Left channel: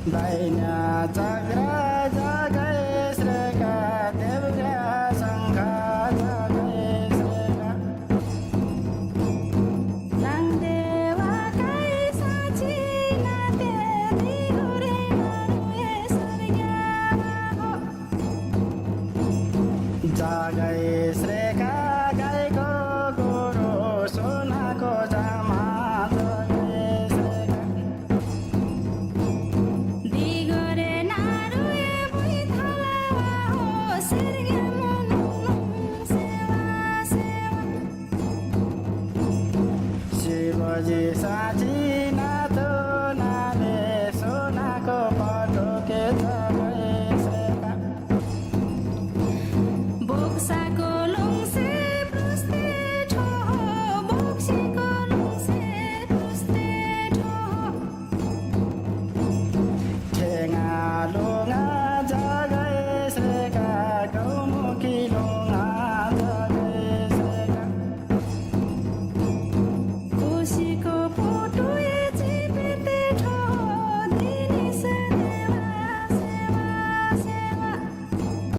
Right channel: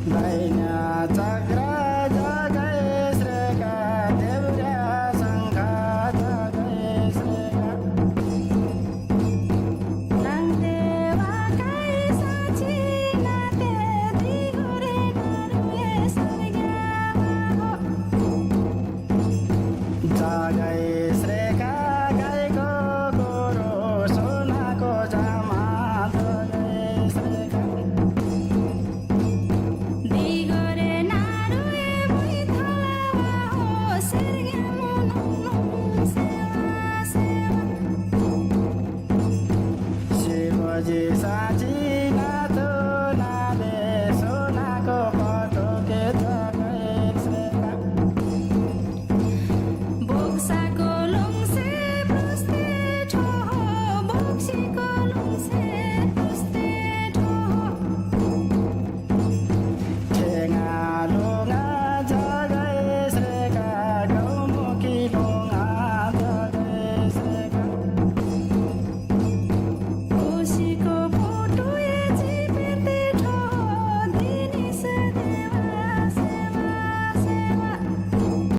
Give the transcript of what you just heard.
दैन्य चक्र जगै श्रेका देव्रा शङ्ख जगै श्रेका नङदेवा काई साची नाते दिगुरे नरुए सर्ग्यामा हो जगै श्रेका गाईको गोरो सोनाको जामा जगै श्रेका दिगुरे नरुए भुइँथलावा हो सर्ग्यामा नुङ सेवा सेवा शिवजी साँची नातो नाले सोनाको पटोके जगै श्रेका बोक्साको लुङसे प्रस्ते ठो बोक्सीको लुङसे प्रस्ते ठो ठेङ्गा लुङ्गा जगै श्रेका गौमुखी लुङ्गा जगै श्रेका कोसीको